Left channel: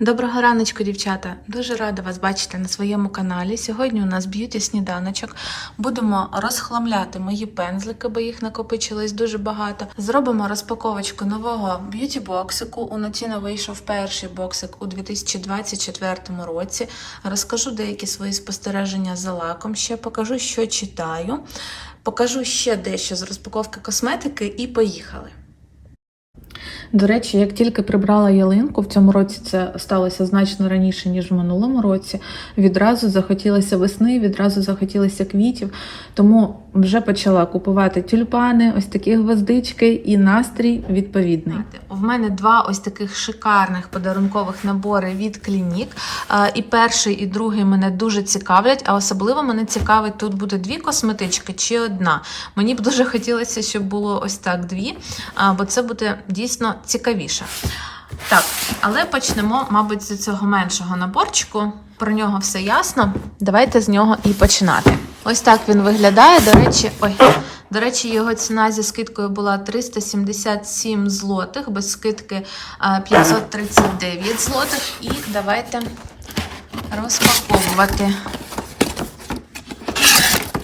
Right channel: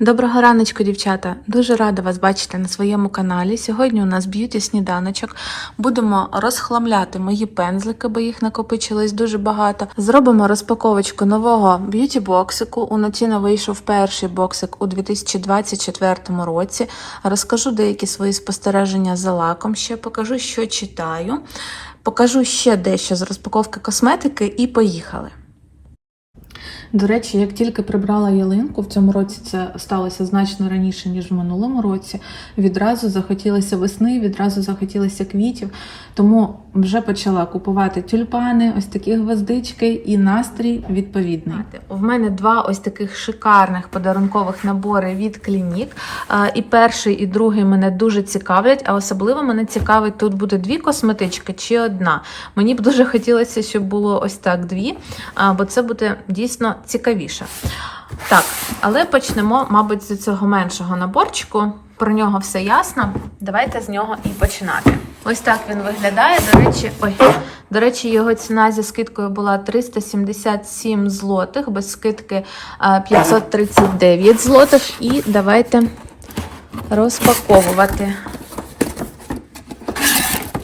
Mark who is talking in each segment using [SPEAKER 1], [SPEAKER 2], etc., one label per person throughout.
[SPEAKER 1] Доброго раночку, дівчата! Дуже рада вас бачити на своєму каналі. Сьогодні у нас б'юті сніданочок. Будемо розхламляти мої пензлики, бо їх накопичилось дуже багато. Зробимо розпаковочку нового б'юті боксику. У Нотіно вийшов перший боксик у 2024 році. Розкажу деякі свої спостереження за лаком, ще покажу, що читаю. Покажу ще дещо з розпаковки косметики і поїхали. До речі, як тільки прибрала ялинку, в цьому році це сталося значно раніше, ніж в минулому році. Відразу захотілося весни, відразу захотілося квітів. Тому вже почала купувати тюльпани, ось такі гвоздички і настрій відповідний. В мене два ось таких шикарних подарункових набори від Клінік. І перший, і другий мене дуже цікавлять, а особливо мене цікавить, тут буде дві косметички чи одна. Мені б дуже хотілося, щоб було ось так дві, бо це буде дійсно цікавіше. Так, але почнемо, мабуть, з цього меншого наборчику. Про нього все ясно. Давайте з нього і починати. Ось так він виглядає. До речі, ой, до речі, його ціна зі скидкою була 377 злотих, без скидки 539 злотих. І давайте розпаковувати.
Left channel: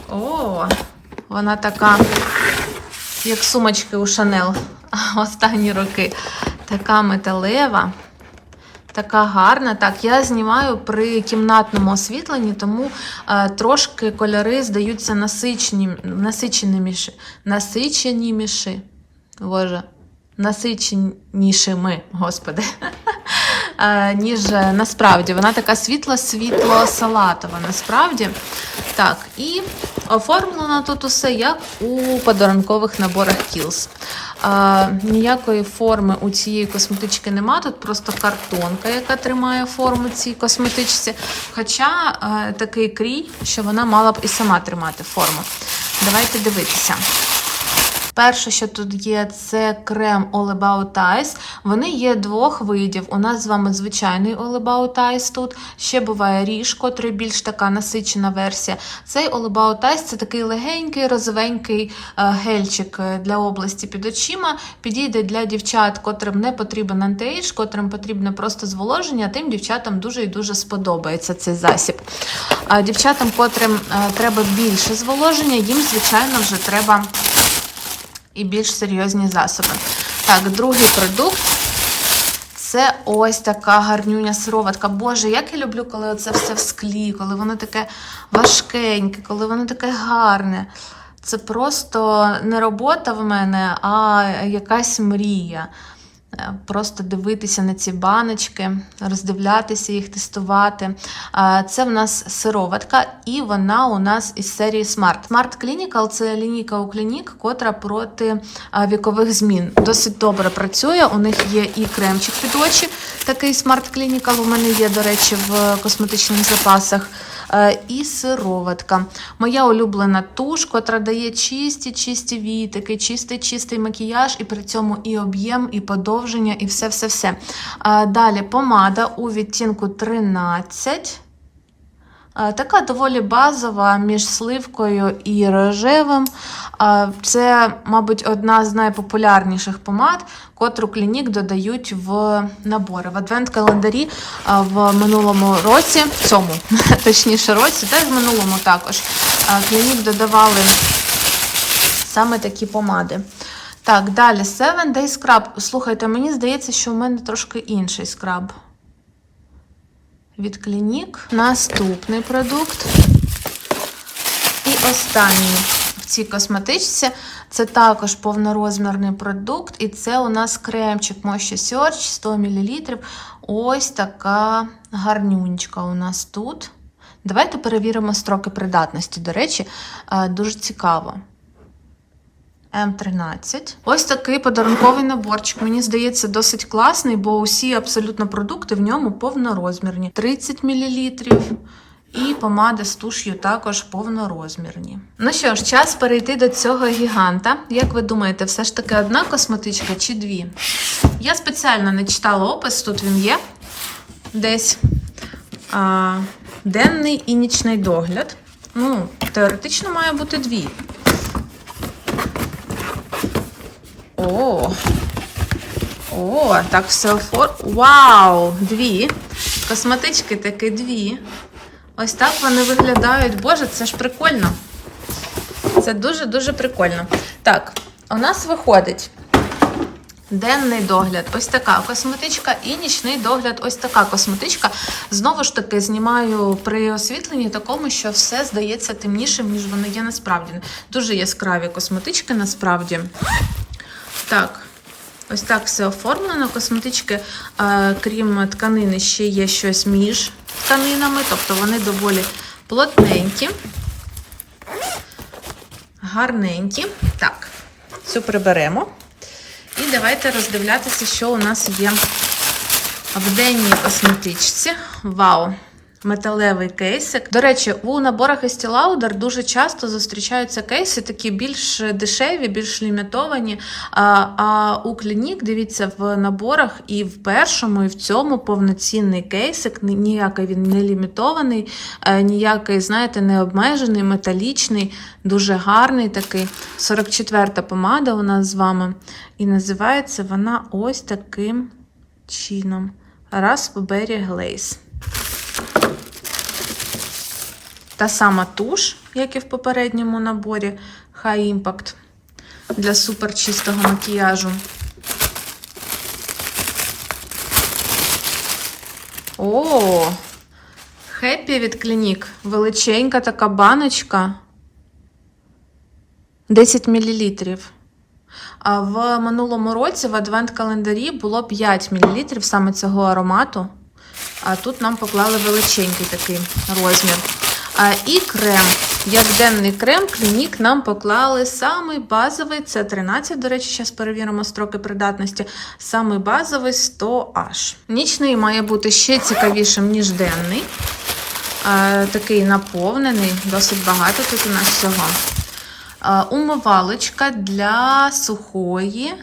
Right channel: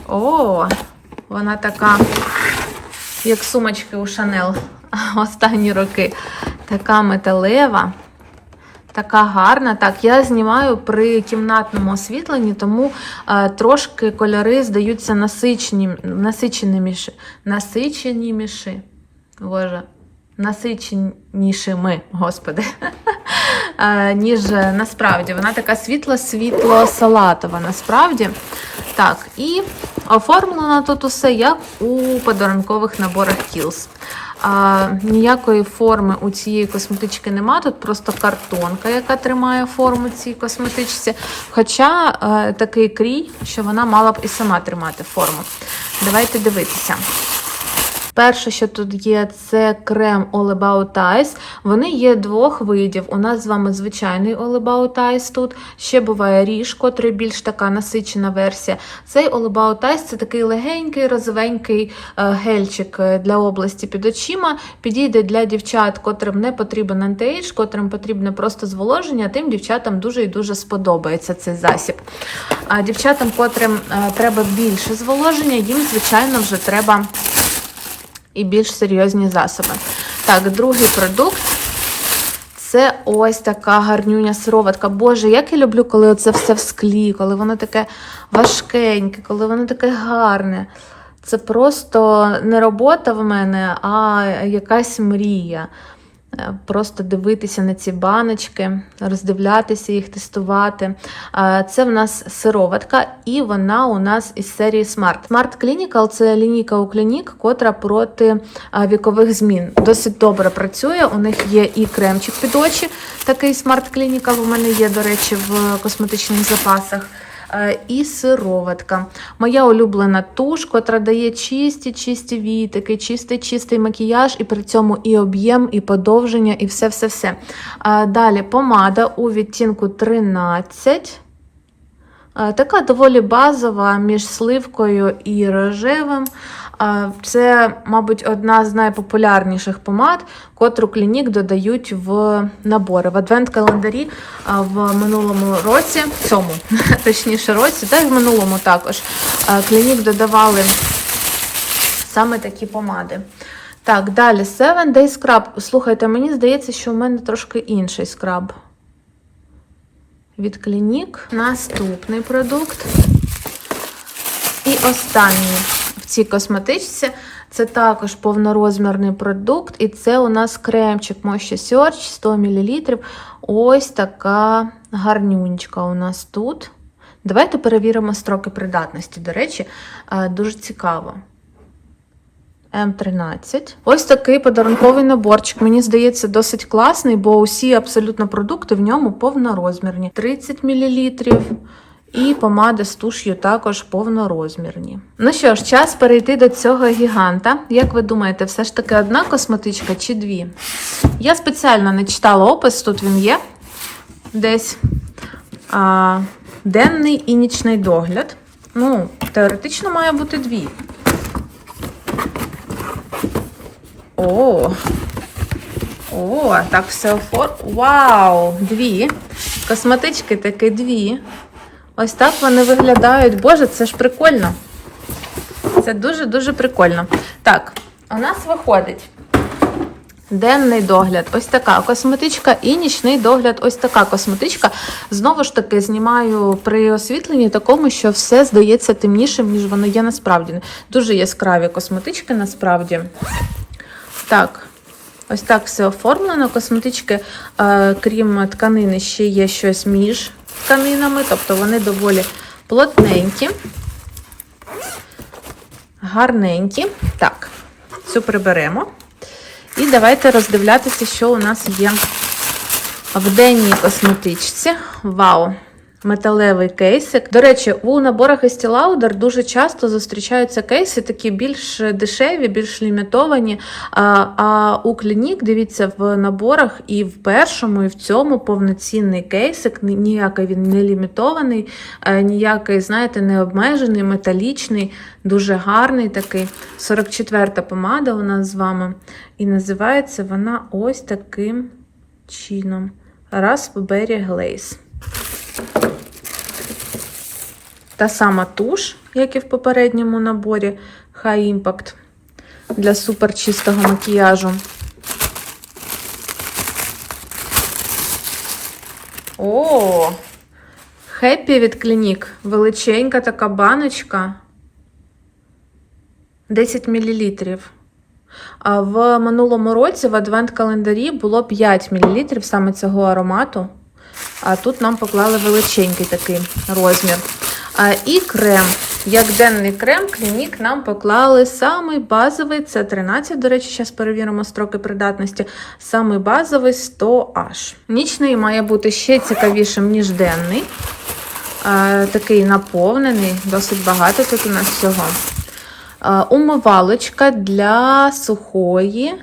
[SPEAKER 1] О, вона така, як сумочки у Шанел останні роки. Така металева, така гарна. Так, я знімаю при кімнатному освітленні, тому е, трошки кольори здаються насичені, насиченіміші. Насиченіміші. Боже, насиченішими, господи. Е, ніж насправді. Вона така світло-світло-салатова, насправді. Так, і оформлено тут усе як у подарункових наборах Kiehl's. А, ніякої форми у цієї косметички нема. Тут просто картонка, яка тримає форму цій косметичці. Хоча а, такий крій, що вона мала б і сама тримати форму. Давайте дивитися. Перше, що тут є, це крем All About Eyes. Вони є двох видів. У нас з вами звичайний All About Eyes тут. Ще буває ріж, котрий більш така насичена версія. Цей All About Eyes це такий легенький, розовенький е, гельчик для області під очима. Підійде для дівчат, котрим не потрібен антиейдж, котрим потрібне просто зволоження, тим дівчатам дуже і дуже сподобається цей засіб. А дівчатам, котрим е, треба більше зволоження, їм, звичайно, вже треба і більш серйозні засоби. Так, другий продукт це ось така гарнюня сироватка. Боже, як я люблю, коли це все в склі, коли воно таке важкеньке, коли воно таке гарне. Це просто не робота в мене, а якась мрія. Просто дивитися на ці баночки, роздивлятися їх, тестувати. Це в нас сироватка, і вона у нас із серії Smart. Smart Clinical це лінійка у клінік, котра проти вікових змін. Досить добре працює. У них є і кремчик під очі. Такий Smart Clinical у мене є, до речі, в косметичних запасах. І сироватка. Моя улюблена туш, котра дає чисті, чисті вітики, чистий чистий макіяж, і при цьому і об'єм, і подовження, і все-все-все. Далі помада у відтінку 13. Така доволі базова між сливкою і рожевим. Це, мабуть, одна з найпопулярніших помад, котру клінік додають в набори. В адвент-календарі в минулому році, в цьому, точніше році, й в минулому також клінік додавали саме такі помади. Так, далі Seven Day Scrub. Слухайте, мені здається, що в мене трошки інший скраб. Від клінік. Наступний продукт. І останній в цій косметичці це також повнорозмірний продукт, і це у нас кремчик Moisture Search 100 мл. Ось така гарнюнечка у нас тут. Давайте перевіримо строки придатності. До речі, дуже цікаво. М13. Ось такий подарунковий наборчик. Мені здається, досить класний, бо усі абсолютно продукти в ньому повнорозмірні. 30 мл. І помада з туш'ю також повнорозмірні. Ну що ж, час перейти до цього гіганта. Як ви думаєте, все ж таки одна косметичка чи дві? Я спеціально не читала опис, тут він є десь а, денний і нічний догляд. Ну, теоретично має бути дві. О, О, так все офор. Вау! Дві. Косметички такі дві. Ось так вони виглядають. Боже, це ж прикольно. Це дуже-дуже прикольно. Так, у нас виходить денний догляд, ось така косметичка, і нічний догляд, ось така косметичка. Знову ж таки, знімаю при освітленні такому, що все здається темнішим, ніж воно є насправді. Дуже яскраві косметички насправді. Так. Ось так все оформлено. Косметички, е, крім тканини, ще є щось між тканинами, тобто вони доволі плотненькі, гарненькі. Так, цю приберемо. І давайте роздивлятися, що у нас є в денній косметичці. Вау! Металевий кейсик. До речі, у наборах Estee Lauder дуже часто зустрічаються кейси, такі більш дешеві, більш лімітовані. А, а у клінік, дивіться, в наборах і в першому, і в цьому повноцінний кейсик. Ніякий він не лімітований, е, ніякий, знаєте, не обмежений, металічний, дуже гарний такий. 44-та помада у нас з вами. І називається вона ось таким чином. Raspberry Glaze. Та сама туш, як і в попередньому наборі High Impact для суперчистого макіяжу. О, Хеппі від Клінік. Величенька така баночка. 10 мл. А в минулому році в адвент-календарі було 5 мл саме цього аромату. А тут нам поклали величенький такий розмір. І крем. Як денний крем, клінік нам поклали самий базовий, це 13, до речі, зараз перевіримо строки придатності. Самий базовий 100H. Нічний має бути ще цікавішим, ніж денний. Такий наповнений, досить багато тут у нас всього. Умивалочка для сухої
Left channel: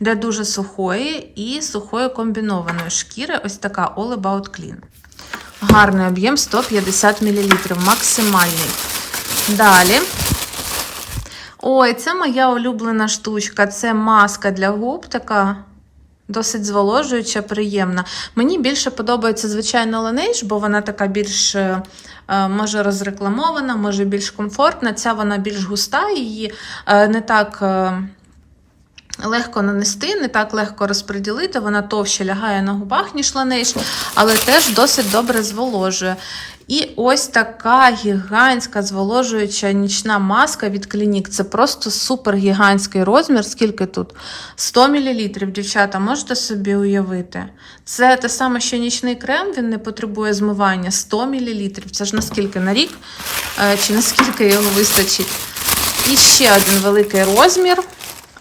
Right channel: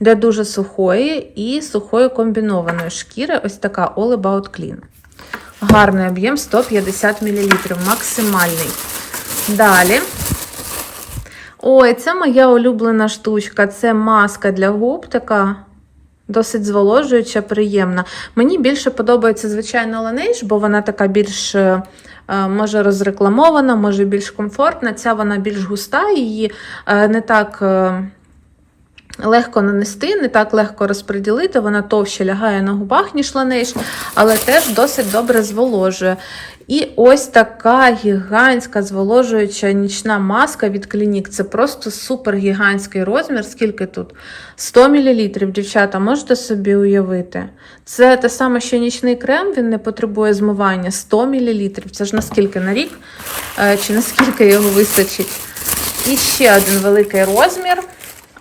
[SPEAKER 1] для дуже сухої і сухої комбінованої шкіри. Ось така All About Clean. Гарний об'єм 150 мл, максимальний. Далі. Ой, це моя улюблена штучка. Це маска для губ, така досить зволожуюча, приємна. Мені більше подобається, звичайно, Laneige, бо вона така більш. е, е, Може розрекламована, може більш комфортна. Ця вона більш густа, її е, не так легко нанести, не так легко розподілити. Вона товще лягає на губах, ніж Laneige, але теж досить добре зволожує. І ось така гігантська зволожуюча нічна маска від Clinique. Це просто супер гігантський розмір. Скільки тут? 100 мл, дівчата, можете собі уявити? Це те саме, що нічний крем, він не потребує змивання 100 мл. Це ж наскільки на рік, Е, чи наскільки його вистачить. І ще один великий розмір.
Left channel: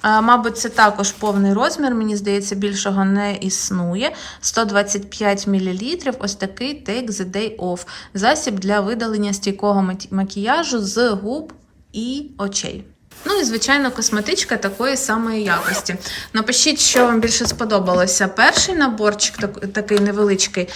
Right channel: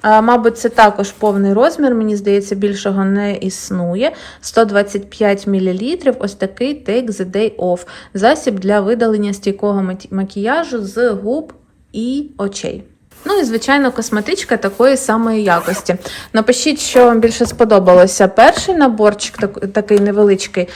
[SPEAKER 1] Мабуть, це також повний розмір, мені здається, більшого не існує. 125 мл. Ось такий Take the Day Off. Засіб для видалення стійкого макіяжу з губ і очей. Ну і, звичайно, косметичка такої самої якості. Напишіть, що вам більше сподобалося. Перший наборчик такий невеличкий,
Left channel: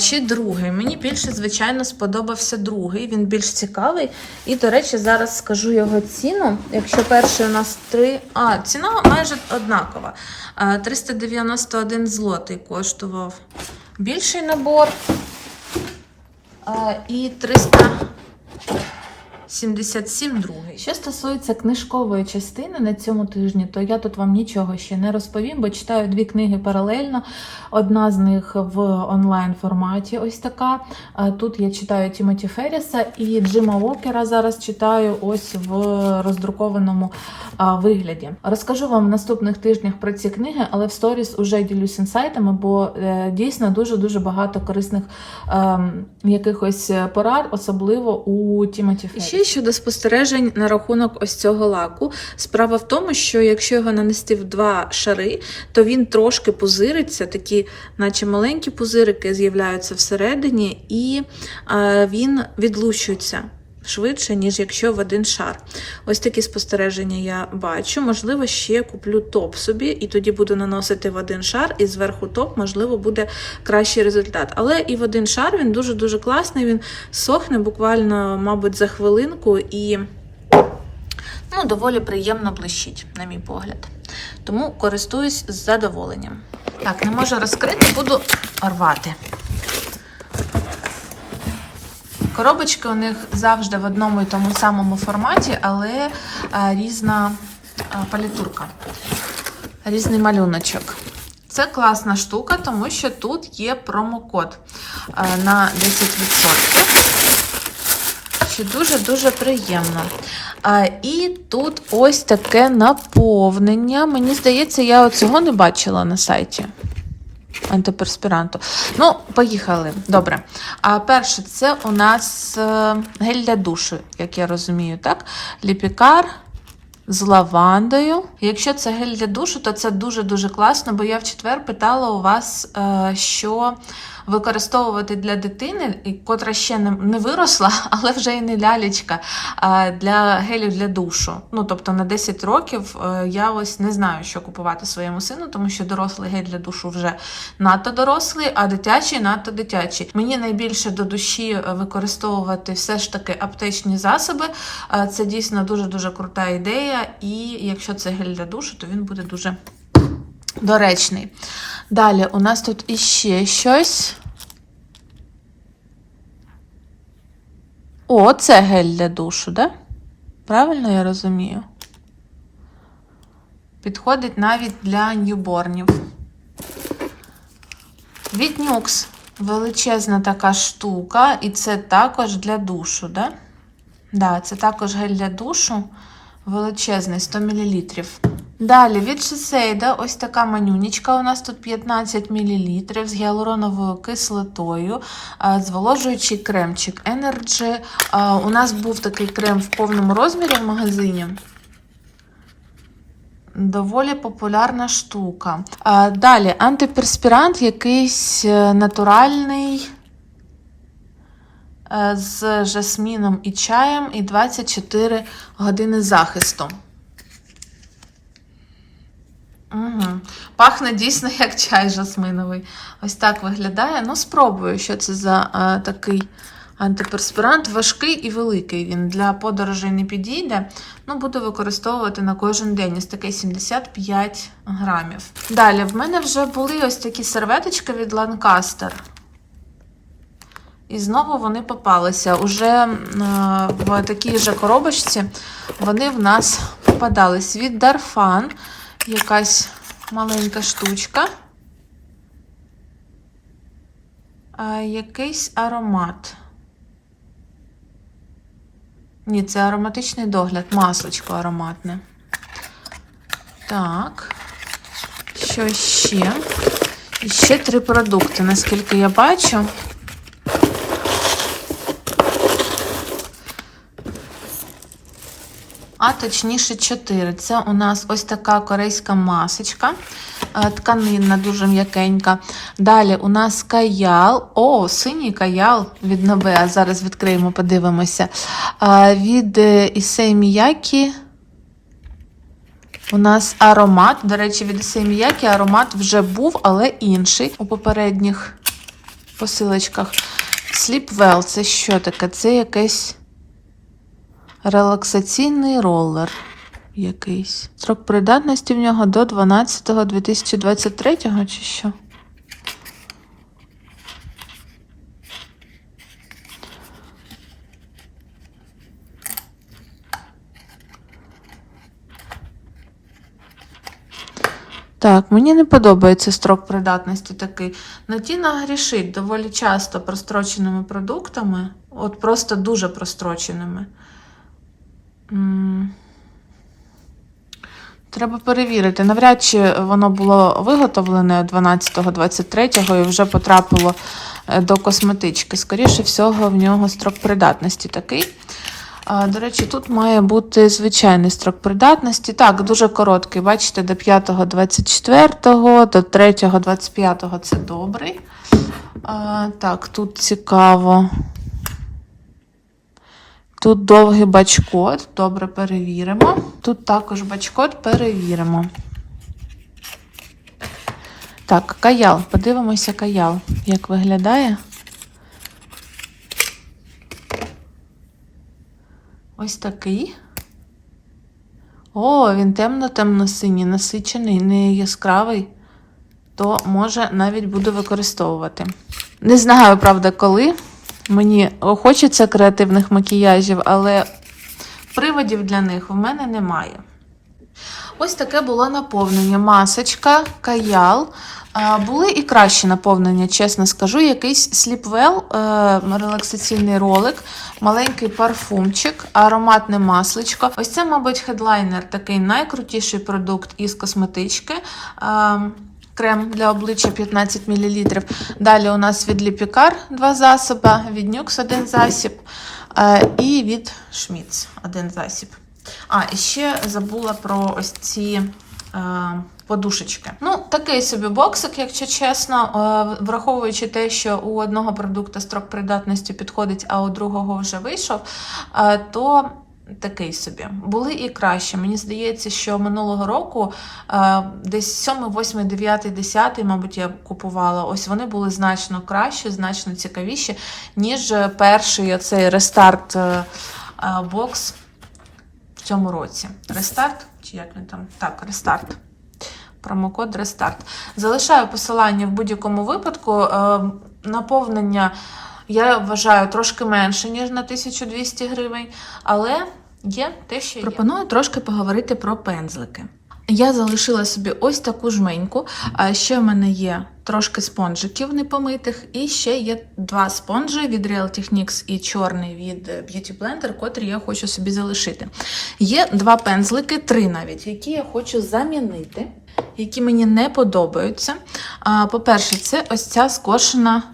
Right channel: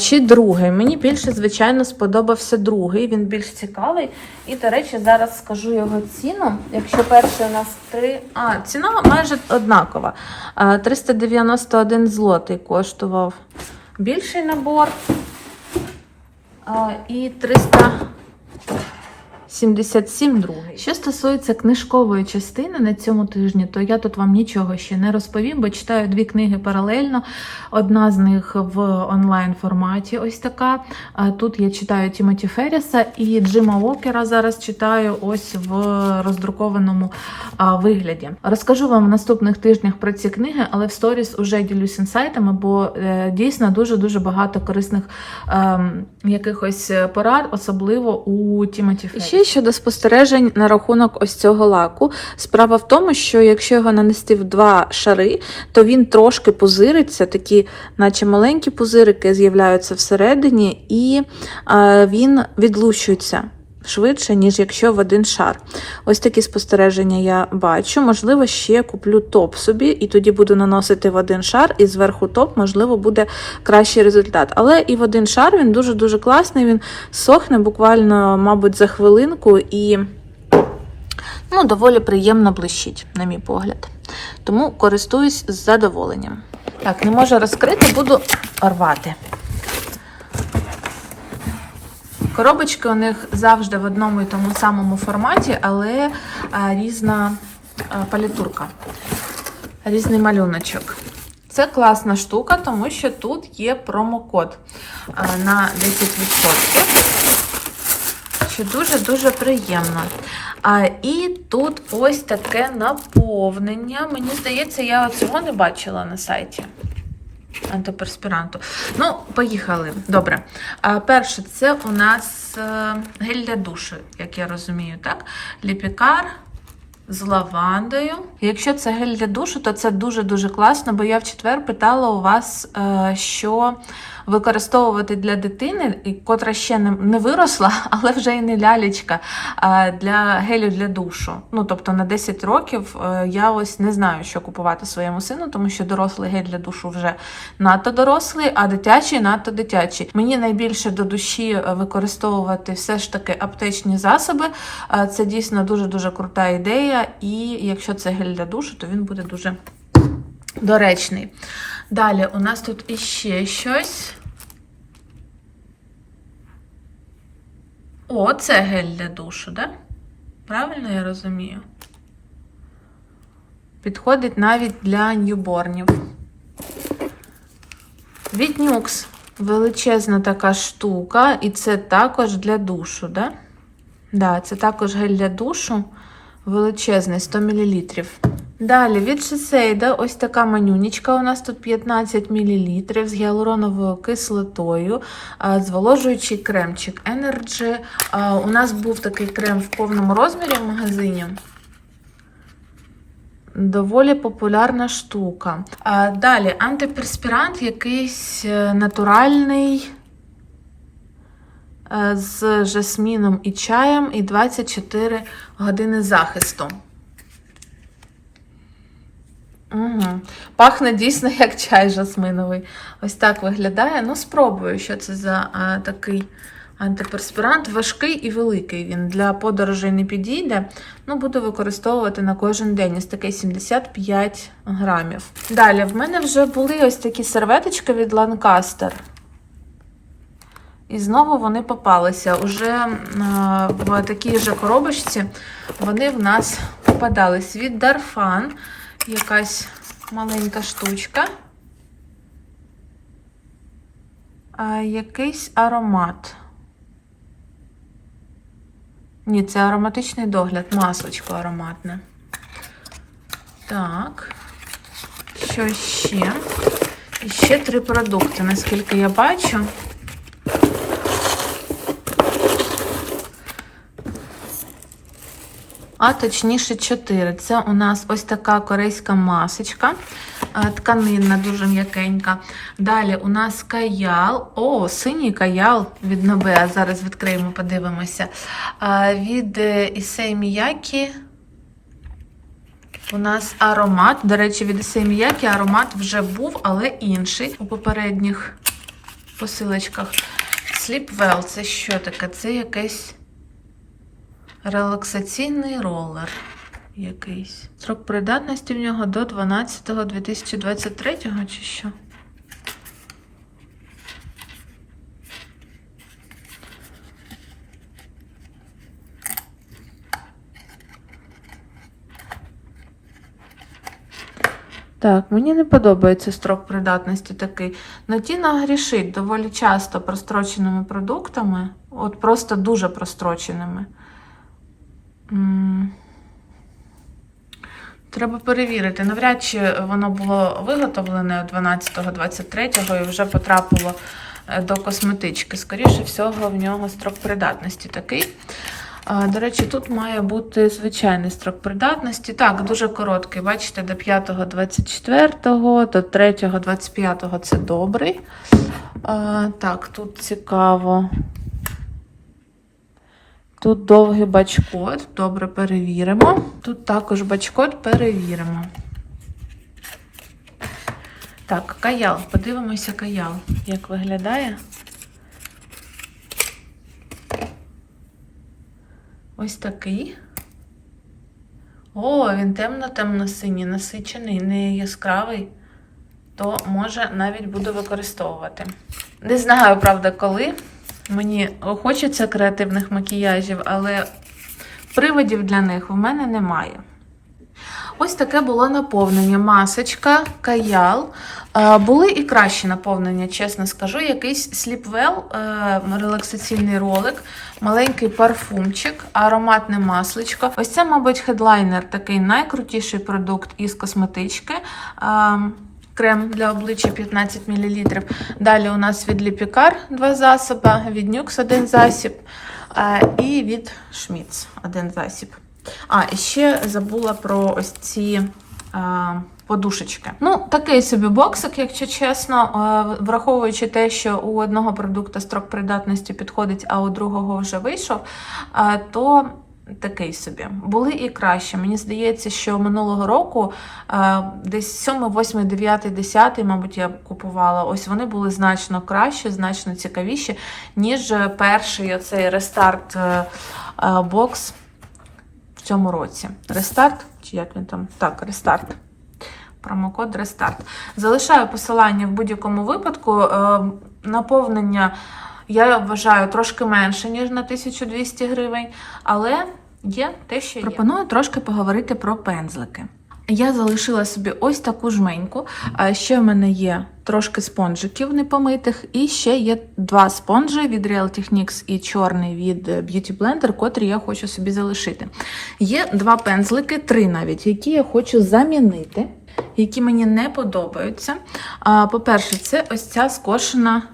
[SPEAKER 1] чи другий. Мені більше, звичайно, сподобався другий. Він більш цікавий. І, до речі, зараз скажу його ціну. Якщо перший у нас 3. А, ціна майже однакова. 391 злотий коштував більший набор. І 300. 77 другий. Що стосується книжкової частини на цьому тижні, то я тут вам нічого ще не розповім, бо читаю дві книги паралельно. Одна з них в онлайн форматі, ось така. Тут я читаю Тімоті Ферріса і Джима Уокера зараз читаю ось в роздрукованому вигляді. Розкажу вам в наступних тижнях про ці книги, але в сторіс уже ділюсь інсайтами, бо е, дійсно дуже дуже багато корисних ем, якихось порад, особливо у Тімоті Ферріса. Щодо спостережень на рахунок ось цього лаку. Справа в тому, що якщо його нанести в два шари, то він трошки пузириться, такі, наче маленькі пузирики з'являються всередині, і е, він відлущується. Швидше, ніж якщо в один шар. Ось такі спостереження я бачу. Можливо, ще куплю топ собі, і тоді буду наносити в один шар, і зверху топ, можливо, буде кращий результат. Але і в один шар він дуже-дуже класний. Він сохне буквально, мабуть, за хвилинку і. Ну, доволі приємно блищить, на мій погляд. Тому користуюсь з задоволенням. Так, не можу розкрити, буду рвати. Коробочки у них завжди в одному і тому самому форматі, але а, різна а, палітурка, різний малюночок. Це класна штука, тому що тут є промокод на 10%, що дуже-дуже приємно. А, і тут ось таке наповнення. Мені здається, я цього не бачила на сайті антиперспіранту. Ну, поїхали. Добре. А перше, це у нас е, гель для душу, як я розумію, так? Ліпікар з лавандою. Якщо це гель для душу, то це дуже-дуже класно, бо я в четвер питала у вас, е, що використовувати для дитини, котра ще не, виросла, але вже і не лялечка, для гелю для душу. Ну, тобто на 10 років е, я ось не знаю, що купувати своєму сину, тому що дорослий гель для душу вже надто дорослий, а дитячий надто дитячий. Мені найбільше до душі е, використовувати все ж таки аптечні засоби. Е, Це дійсно дуже-дуже крута ідея, і якщо це гель для душу, то він буде дуже доречний. Далі у нас тут іще щось. О, це гель для душу, да? Правильно я розумію? Підходить навіть для ньюборнів. Від Нюкс величезна така штука, і це також для душу, да? Да, це також гель для душу величезний, 100 мл. Далі від Шисейда ось така манюнічка. У нас тут 15 мл з гіалуроновою кислотою, зволожуючий кремчик Energy. У нас був такий крем в повному розмірі в магазині. Доволі популярна штука. Далі антиперспірант якийсь е, натуральний е, з жасміном і чаєм і 24 години захисту. Угу. Пахне дійсно як чай жасминовий. Ось так виглядає. Ну, спробую, що це за а, такий антиперспірант. Важкий і великий. Він для подорожей не підійде. Ну, буду використовувати на кожен день. Ось такий 75 грамів. Далі, в мене вже були ось такі серветочки від Lancaster. І знову вони попалися. Уже е, в такій же коробочці вони в нас попадались. Від Darfan якась маленька штучка. А, якийсь аромат. Ні, це ароматичний догляд, маслочко ароматне. Так. Що ще? І ще три продукти, наскільки я бачу. А точніше 4. Це у нас ось така корейська масочка, е, тканинна, дуже м'якенька. Далі у нас каял. О, синій каял від Нобеа. Зараз відкриємо, подивимося. Е, Від Ісей Міякі. У нас аромат. До речі, від Ісей Міякі аромат вже був, але інший у попередніх посилочках. Sleep Well, це що таке? Це якесь. Релаксаційний ролер якийсь. Срок придатності в нього до 12.2023 чи що? Так, мені не подобається строк придатності такий. Натіна грішить доволі часто простроченими продуктами, от просто дуже простроченими. Треба перевірити. Навряд чи воно було виготовлене 12-23 і вже потрапило е, до косметички. Скоріше всього, в нього строк придатності такий. До речі, тут має бути звичайний строк придатності. Так, дуже короткий. Бачите, до 5-24, до 3-25 це добрий. Так, тут цікаво. Тут довгий бачкод, добре перевіримо. Тут також бачкод перевіримо. Так, каял. Подивимося каял, як виглядає. Ось такий. О, він темно-темно-синій, насичений, не яскравий, то може навіть буду використовувати. Не знаю, правда, коли. Мені хочеться креативних макіяжів, але приводів для них в мене немає. Ось таке було наповнення. Масочка, каял. Е, Були і кращі наповнення, чесно скажу. Якийсь сліпвел, релаксаційний ролик, маленький парфумчик, ароматне масличко. Ось це, мабуть, хедлайнер, такий найкрутіший продукт із косметички. Крем для обличчя 15 мл. Далі у нас від Ліпікар два засоби, від Нюкс один засіб е, і від Шміц один засіб. А, і ще забула про ось ці е, подушечки. Ну, такий собі боксик, якщо чесно, е, враховуючи те, що у одного продукту строк придатності підходить, а у другого вже вийшов, то такий собі. Були і краще. Мені здається, що минулого року е, десь 7, 8, 9, 10, мабуть, я купувала. Ось вони були значно кращі, значно цікавіші, ніж перший оцей рестарт е, е, бокс в цьому році. Рестарт, чи як він там? Так, рестарт. Промокод Рестарт. Залишаю посилання в будь-якому випадку. Наповнення, я вважаю, трошки менше, ніж на 1200 гривень, але є те, що є. Пропоную трошки поговорити про пензлики. Я залишила собі ось таку жменьку. Ще в мене є трошки спонжиків непомитих, і ще є два спонжі від Real Techniques і чорний від Beauty Blender, котрі я хочу собі залишити. Є два пензлики, три навіть, які я хочу замінити, які мені не подобаються. По-перше, це ось ця скошена е,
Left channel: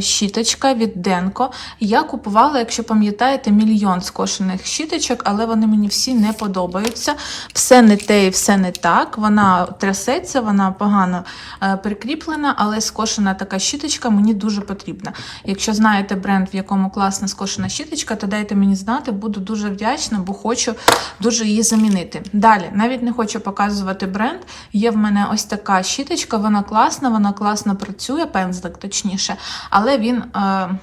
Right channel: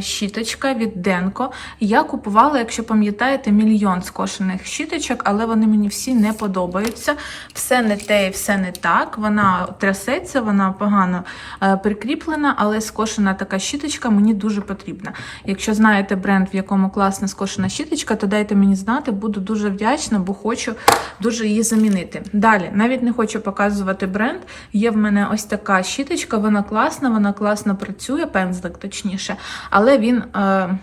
[SPEAKER 1] щіточка від Денко. Я купувала, якщо пам'ятаєте, мільйон скошених щіточок, але вони мені всі не подобаються. Все не те і все не так. Вона трясеться, вона погано е, прикріплена, але скошена така щіточка мені дуже потрібна. Якщо знаєте бренд, в якому класна скошена щіточка, то дайте мені знати, буду дуже вдячна, бо хочу дуже її замінити. Далі, навіть не хочу показувати бренд. Є в мене ось така щіточка, вона класна, вона класно працює, пензлик точніше, але він. Е,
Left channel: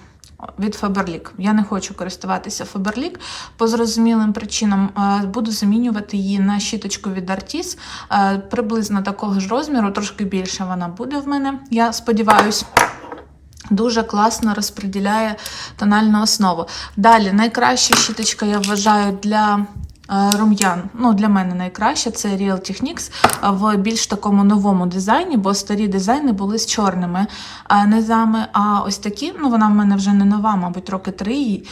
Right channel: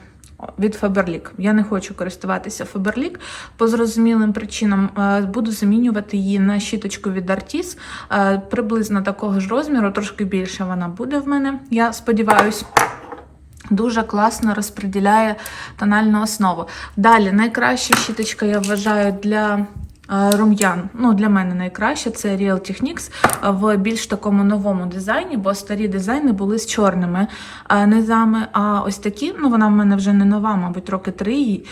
[SPEAKER 1] від Faberlic. Я не хочу користуватися Faberlic по зрозумілим причинам. Е, Буду замінювати її на щіточку від Artis. Е, Приблизно такого ж розміру, трошки більше вона буде в мене, я сподіваюся. Дуже класно розподіляє тональну основу. Далі, найкраща щіточка, я вважаю, для рум'ян. Ну, для мене найкраще це Real Techniques в більш такому новому дизайні, бо старі дизайни були з чорними е, низами. А ось такі, ну вона в мене вже не нова, мабуть, роки три е,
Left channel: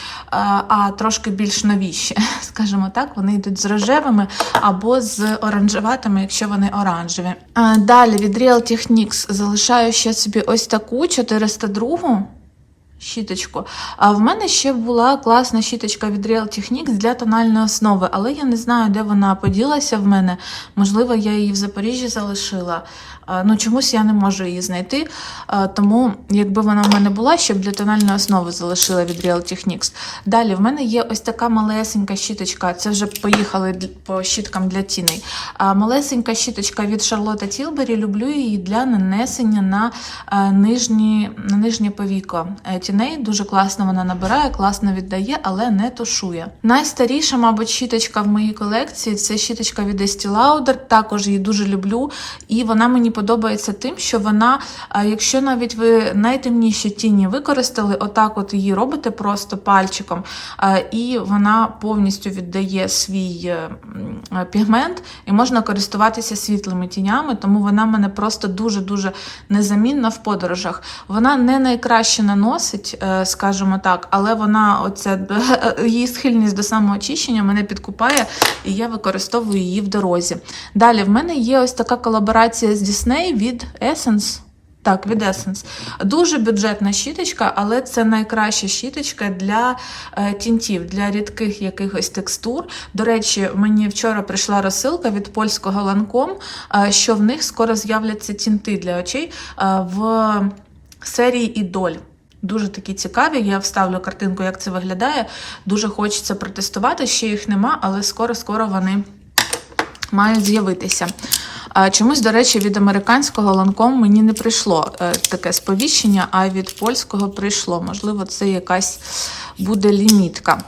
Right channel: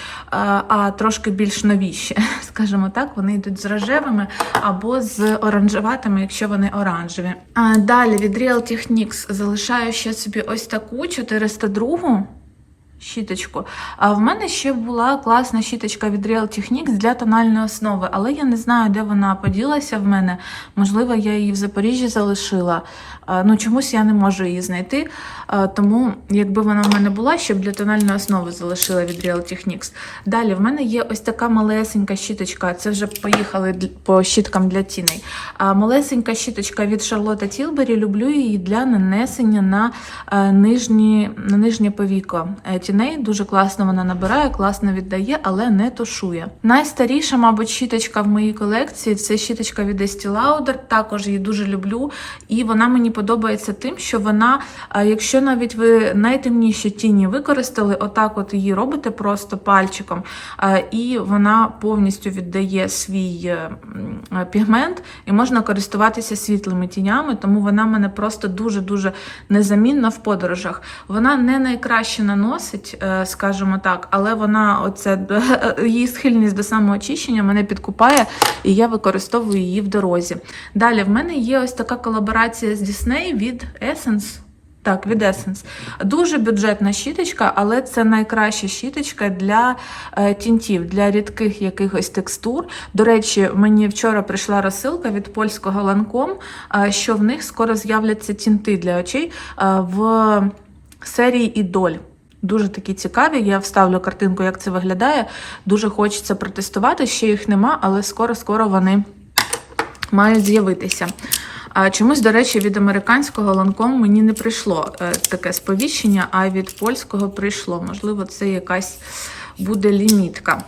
[SPEAKER 1] а трошки більш новіші. Скажімо так, вони йдуть з рожевими або з оранжеватими, якщо вони оранжеві. Е, Далі від Real Techniques залишаю ще собі ось таку 402 щіточку. А в мене ще була класна щіточка від Real Techniques для тональної основи, але я не знаю, де вона поділася в мене. Можливо, я її в Запоріжжі залишила. Ну, чомусь я не можу її знайти. Тому, якби вона в мене була, ще б для тональної основи залишила від Real Techniques. Далі в мене є ось така малесенька щіточка. Це вже поїхали по щіткам для тіней. Малесенька щіточка від Charlotte Tilbury. Люблю її для нанесення на е, нижні, на нижнє повіко е, тіней. Дуже класно вона набирає, класно віддає, але не тушує. Найстаріша, мабуть, щіточка в моїй колекції це щіточка від Estee Lauder. Також її дуже люблю. І вона мені подобається тим, що вона, якщо навіть ви найтемніші тіні використали, отак от її робите просто пальчиком, і вона повністю віддає свій е, е, пігмент, і можна користуватися світлими тінями, тому вона мене просто дуже-дуже незамінна в подорожах. Вона не найкраще наносить, е, скажімо так, але вона оця її схильність до самоочищення мене підкупає, і я використовую її в дорозі. Далі в мене є ось така колаборація з Disney від Essence. Так, від Essence. Дуже бюджетна щіточка, але це найкраща щіточка для е, тінтів, для рідких якихось текстур. До речі, мені вчора прийшла розсилка від польського е, що в них скоро з'являться тінти для очей е, в серії Ідоль. Дуже такі цікаві. Я вставлю картинку, як це виглядає. Дуже хочеться протестувати. Ще їх нема, але скоро-скоро вони мають з'явитися. Чомусь, до речі, від американського ланком мені не прийшло е, таке сповіщення, а від польського прийшло. Можливо, це якась буде лімітка.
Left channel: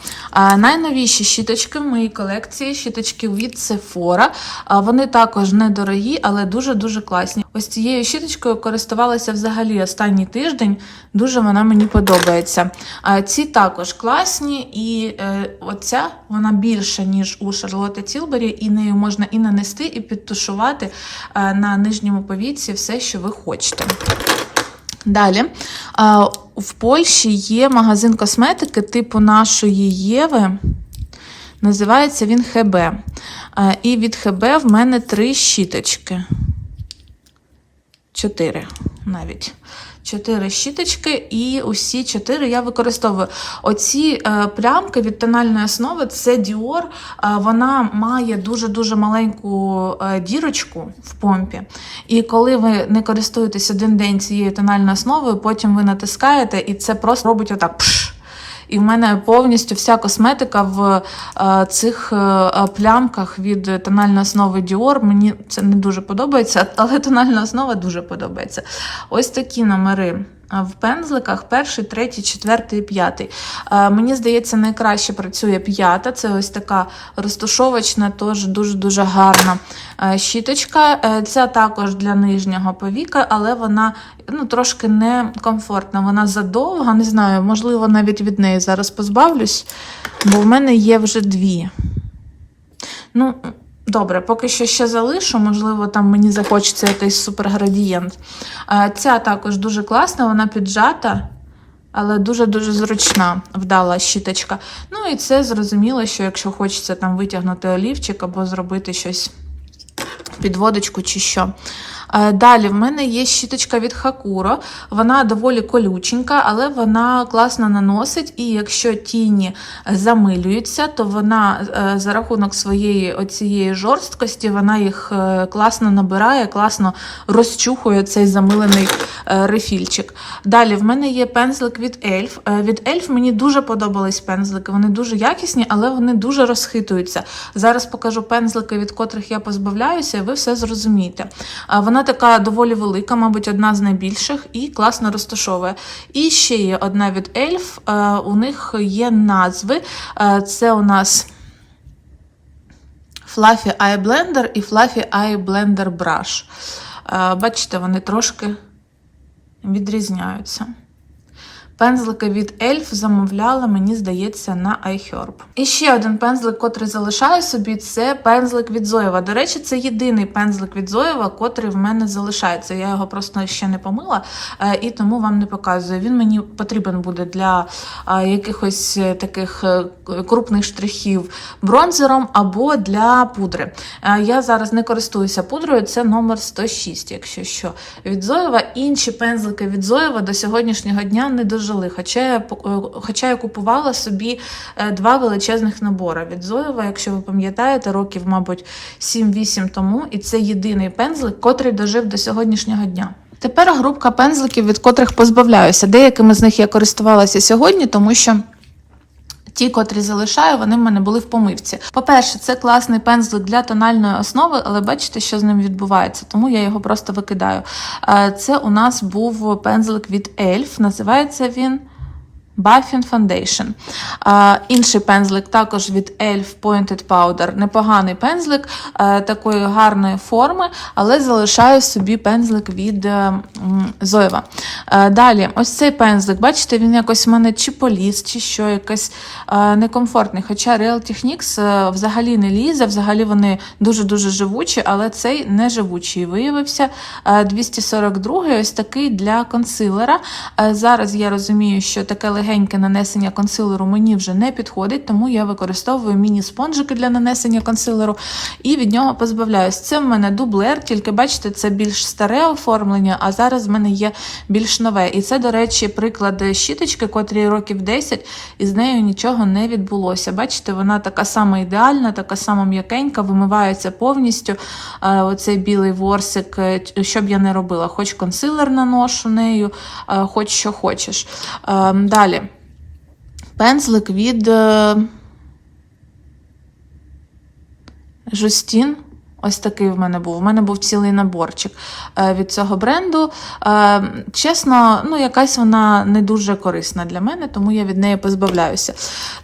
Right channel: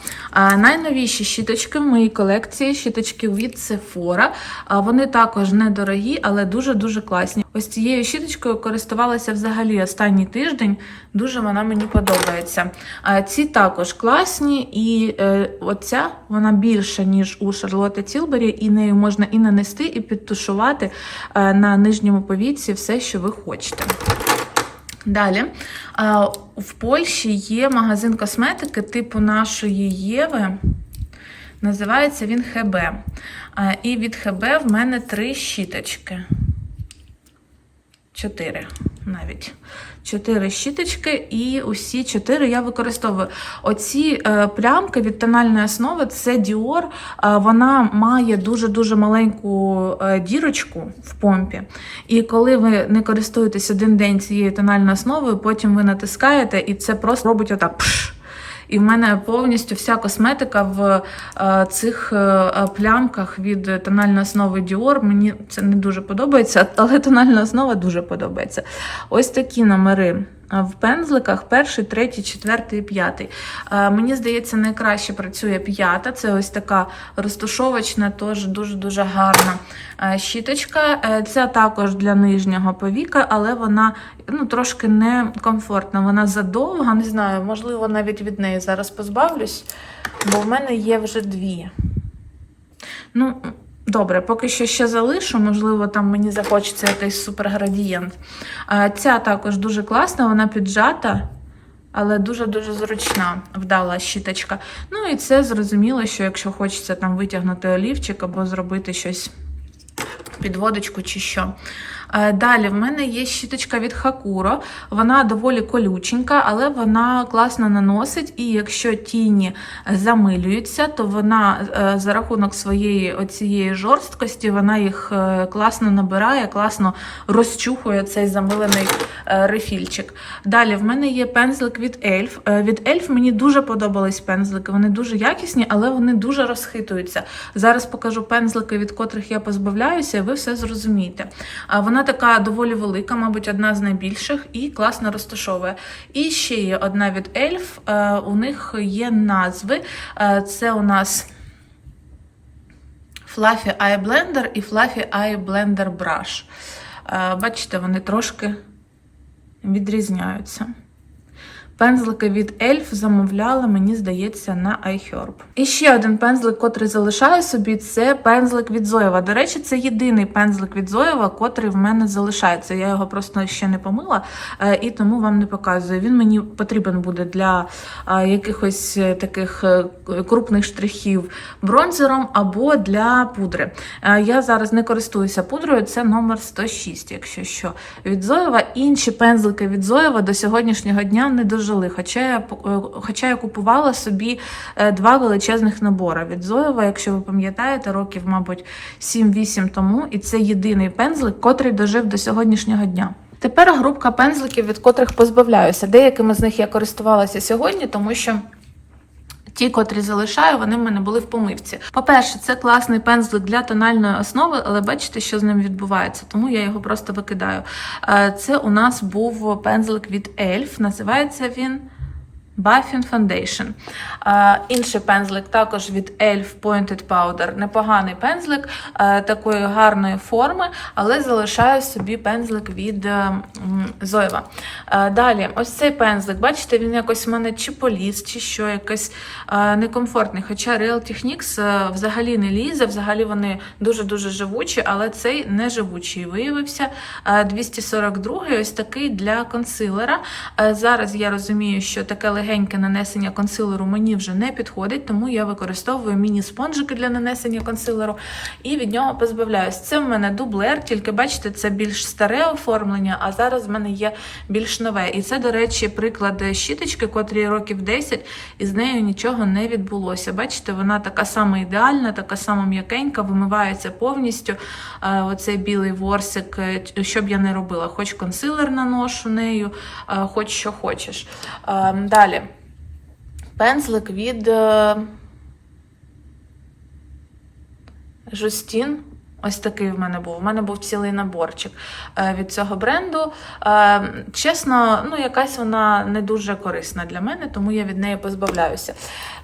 [SPEAKER 1] Найновіші щіточки в моїй колекції щіточки від Sephora. Вони також недорогі, але дуже-дуже класні. Ось цією щіточкою користувалася взагалі останній тиждень. Дуже вона мені подобається. Ці також класні, і е, оця вона більша, ніж у Шарлотти Тілбері, і нею можна і нанести, і підтушувати е, на нижньому повіці все, що ви хочете. Далі, в Польщі є магазин косметики типу нашої Єви. Називається він ХБ. І від ХБ в мене три щіточки. Чотири навіть. Чотири щіточки, і усі чотири я використовую. Оці е, плямки від тональної основи це Dior. Е, вона має дуже-дуже маленьку е, дірочку в помпі. І коли ви не користуєтесь один день цією тональною основою, потім ви натискаєте, і це просто робить отак. Пш! І в мене повністю вся косметика в е, цих е, плямках від тональної основи Dior. Мені це не дуже подобається, але тональна основа дуже подобається. Ось такі номери. В пензликах перший, третій, четвертий, п'ятий. Е, Мені здається, найкраще працює п'ята. Це ось така розтушовочна, теж дуже-дуже гарна е, щіточка. Е, Ця також для нижнього повіка, але вона ну, трошки некомфортна. Вона задовга, не знаю, можливо, навіть від неї зараз позбавлюсь, бо в мене є вже дві. Ну, добре, поки що ще залишу, можливо, там мені захочеться якийсь суперградієнт. Ця також дуже класна, вона піджата, але дуже-дуже зручна, вдала щіточка. Ну і це зрозуміло, що якщо хочеться там витягнути олівчик або зробити щось, підводочку чи що. Е, Далі в мене є щіточка від Hakuro. Вона доволі колюченька, але вона класно наносить. І якщо тіні замилюються, то вона е, за рахунок своєї оцієї жорсткості вона їх е, класно набирає, класно розчухує цей замилений рефільчик. Далі в мене є пензлик від Elf. Від Elf мені дуже подобались пензлики. Вони дуже якісні, але вони дуже розхитуються. Зараз покажу пензлики, від котрих я позбавляюся, і ви все зрозумієте. Вона така доволі велика, мабуть, одна з найбільших, і класно розташовує. І ще є одна від Elf, е, У них є назви. Е, Це у нас Fluffy Eye Blender і Fluffy Eye Blender Brush. Е, Бачите, вони трошки відрізняються. Пензлики від Elf замовляла, мені здається, на iHerb. І ще один пензлик, котрий залишаю собі, це пензлик від Зоєва. До речі, це єдиний пензлик від Зоєва, котрий в мене залишається. Я його просто ще не помила е, і тому вам не показую. Він мені потрібен буде для е, якихось е, таких крупних штрихів бронзером або для пудри. Я зараз не користуюся пудрою, це номер 106, якщо що. Від Зоєва. Інші пензлики від Зоєва до сьогоднішнього дня не дуже жили. Хоча я хоча я купувала собі два величезних набори від Зоєва, якщо ви пам'ятаєте, років, мабуть, 7-8 тому. І це єдиний пензлик, котрий дожив до сьогоднішнього дня. Тепер групка пензликів, від котрих позбавляюся. Деякими з них я користувалася сьогодні, тому що. Ті, котрі залишаю, вони в мене були в помивці. По-перше, це класний пензлик для тональної основи, але бачите, що з ним відбувається, тому я його просто викидаю. Це у нас був пензлик від Elf, називається він. Buffing Foundation. А, Інший пензлик також від Elf Pointed Powder. Непоганий пензлик а, такої гарної форми, але залишаю собі пензлик від Зоєва. Далі, ось цей пензлик, бачите, він якось в мене чи поліз, чи що, якось а, некомфортний. Хоча Real Techniques а, взагалі не лізе, взагалі вони дуже-дуже живучі, але цей не живучий виявився. А, 242 ось такий для консилера. А, зараз я розумію, що таке легеньке нанесення консилеру мені вже не підходить, тому я використовую міні-спонжики для нанесення консилеру і від нього позбавляюсь. Це в мене дублер, тільки бачите, це більш старе оформлення, а зараз в мене є більш нове. І це, до речі, приклад щіточки, котрій років 10, і з нею нічого не відбулося. Бачите, вона така сама ідеальна, така сама м'якенька, вимивається повністю. Оцей білий ворсик, що б я не робила, хоч консилер наношу нею, хоч що хочеш. Далі. Пензлик від Жустін. Ось такий в мене був. У мене був цілий наборчик е, від цього бренду. Е, Чесно, ну якась вона не дуже корисна для мене, тому я від неї позбавляюся.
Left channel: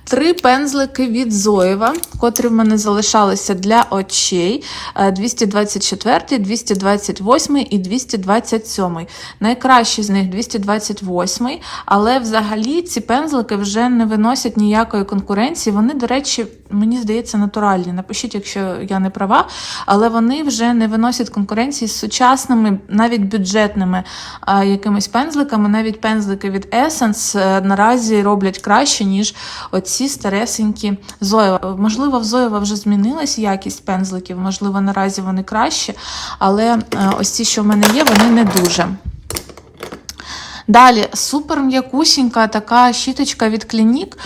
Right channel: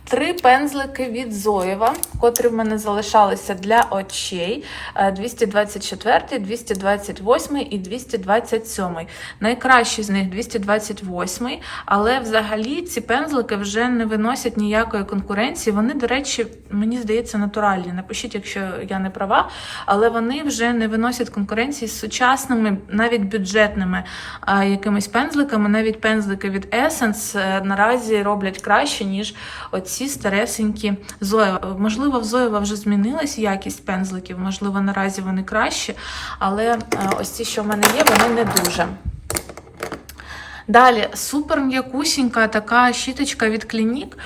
[SPEAKER 1] Три пензлики від Зоєва, котрі в мене залишалися для очей: Е, 224, 228 і 227. Найкращий з них 228, але взагалі ці пензлики вже не виносять ніякої конкуренції. Вони, до речі, мені здається, натуральні. Напишіть, якщо я не права, але вони вже не виносять конкуренції з сучасними, навіть бюджетними якимись пензликами. Навіть пензлики від Essence е, наразі роблять краще, ніж оці старесенькі Зоєва. Можливо, в Зоєва вже змінилась якість пензликів, можливо, наразі вони кращі, але е, ось ці, що в мене є, вони не дуже. Далі супер м'якусінька така щіточка від Clinique, е,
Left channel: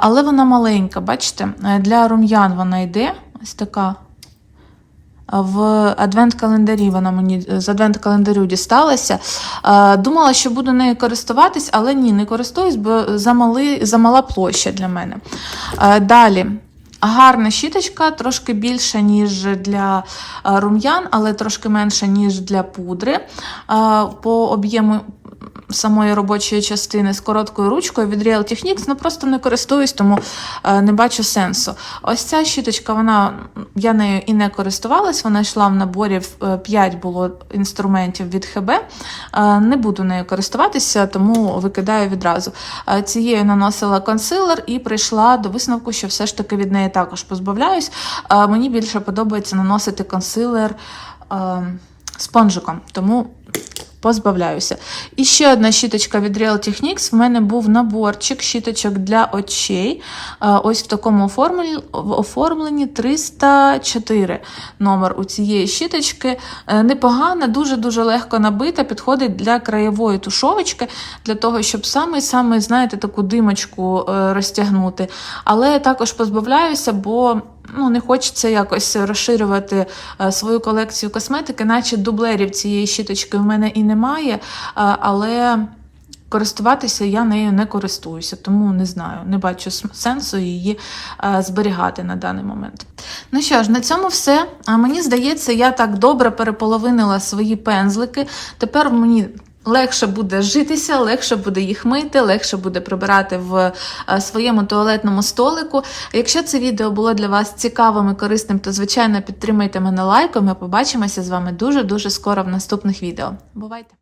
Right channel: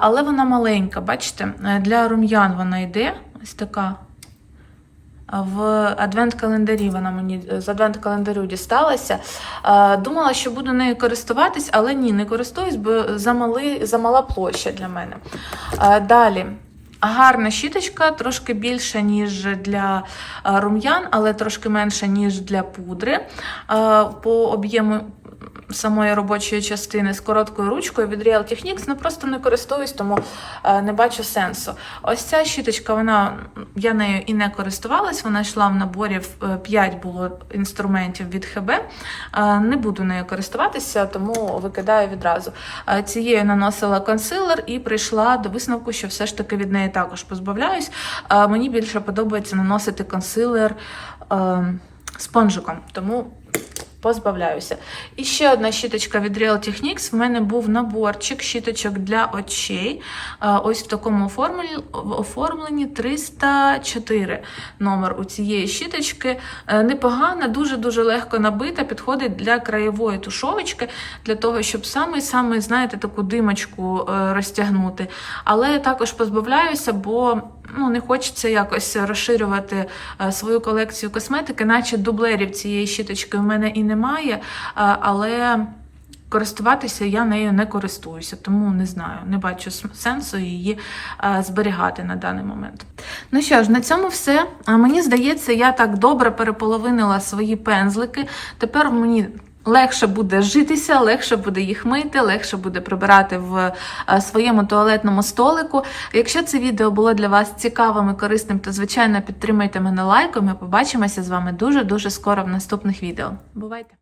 [SPEAKER 1] але вона маленька. Бачите, для рум'ян вона йде. Ось така. В адвент-календарі вона мені з адвент-календарю дісталася. Е, Думала, що буду нею користуватись, але ні, не користуюсь, бо замали, замала площа для мене. Е, Далі. Гарна щіточка, трошки більша, ніж для е, рум'ян, але трошки менша, ніж для пудри. Е, По об'єму самої робочої частини з короткою ручкою від Real Techniques, ну просто не користуюсь, тому е, не бачу сенсу. Ось ця щіточка, вона я нею і не користувалась, вона йшла в наборі 5 було інструментів від ХБ. Не буду нею користуватися, тому викидаю відразу. Цією наносила консилер і прийшла до висновку, що все ж таки від неї також позбавляюсь. Е, Мені більше подобається наносити консилер е, спонжиком, тому позбавляюся. І ще одна щіточка від Real Techniques. В мене був наборчик щіточок для очей. Е, Ось в такому оформленні, оформленні 304 номер у цієї щіточки. Е, Непогана, дуже-дуже легко набита, підходить для краєвої тушовочки, для того, щоб саме-саме, знаєте, таку димочку е, розтягнути. Але я також позбавляюся, бо ну, не хочеться якось розширювати е, свою колекцію косметики, наче дублерів цієї щіточки в мене і немає, е, але користуватися я нею не користуюся, тому не знаю, не бачу сенсу її е, зберігати на даний момент. Ну що ж, на цьому все. А Мені здається, я так добре переполовинила свої пензлики. Тепер мені. Легше буде житися, легше буде їх мити, легше буде прибирати в е, своєму туалетному столику. Якщо це відео було для вас цікавим і корисним, то звичайно підтримайте мене лайком. Ми побачимося з вами дуже дуже скоро в наступних відео. Бувайте!